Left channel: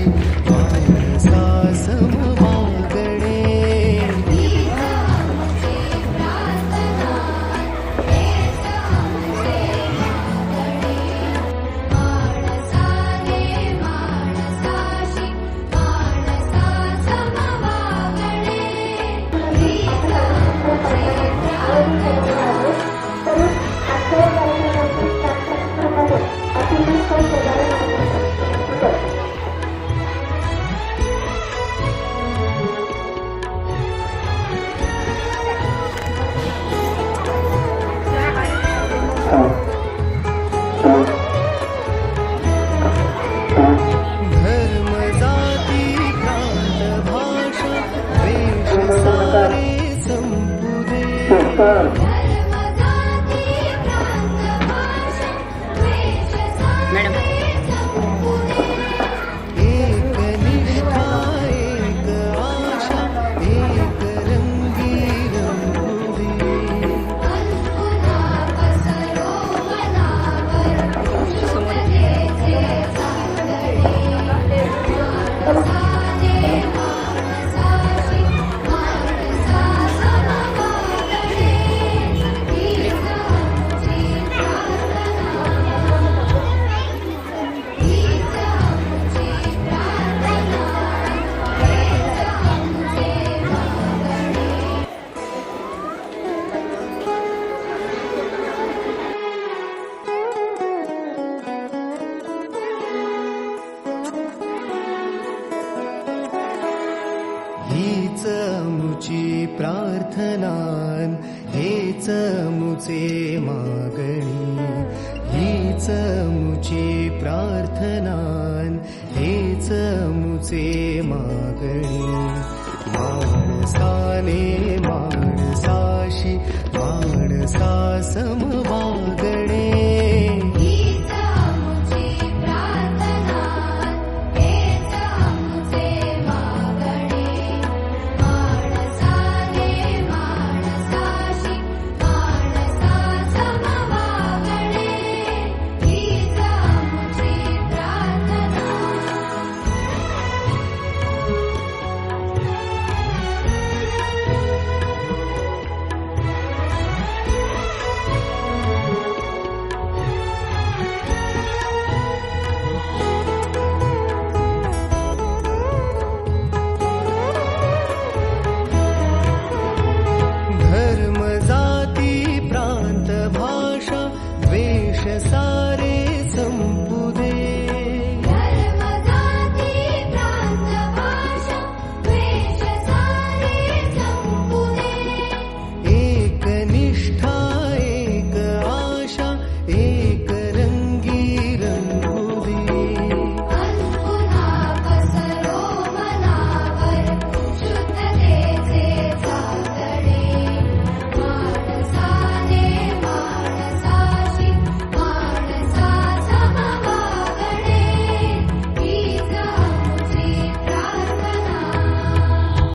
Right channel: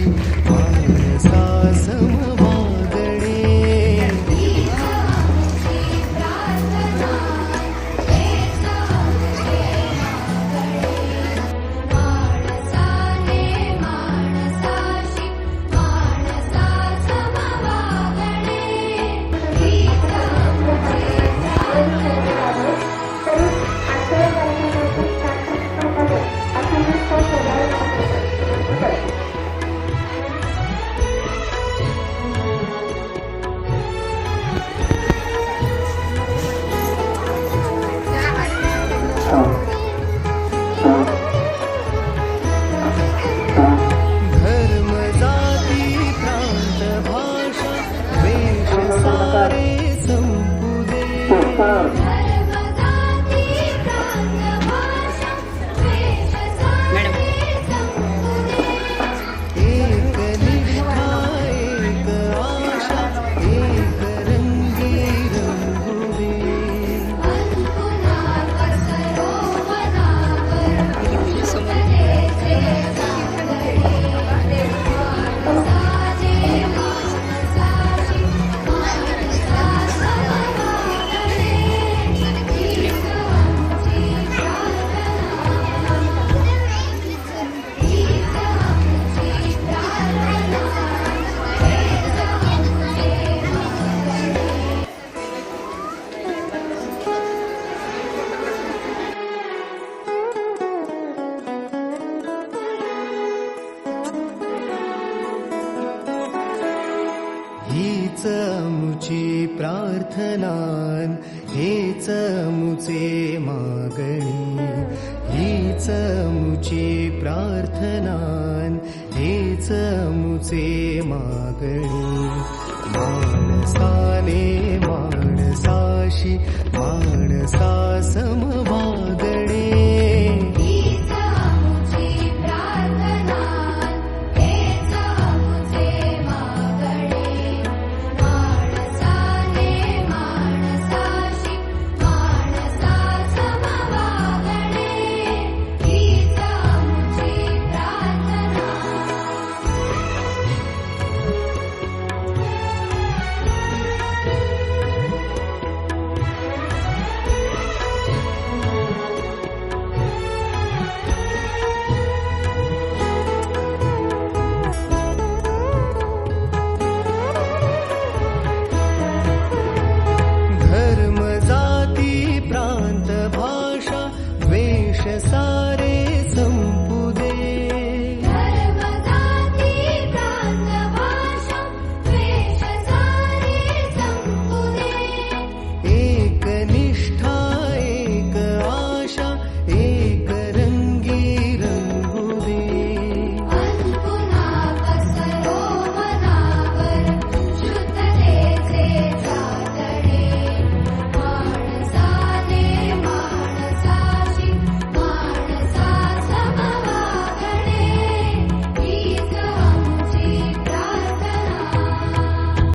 साशी माणसा सम वागणे. धर्म जाती प्रांत भाषा वेश सारे संपुदे. मॅडम एक निष्ठा एक आशा एक रंगी रंगुदे. समोर हीच मुची प्रार्थनान हेच मुचे मागणी. हीच मुची प्रार्थनान हेच मुचे मागणी. माणसाने माणसाशी माणसा सम वागणे. धर्म जाती प्रांत भाषा वेश सारे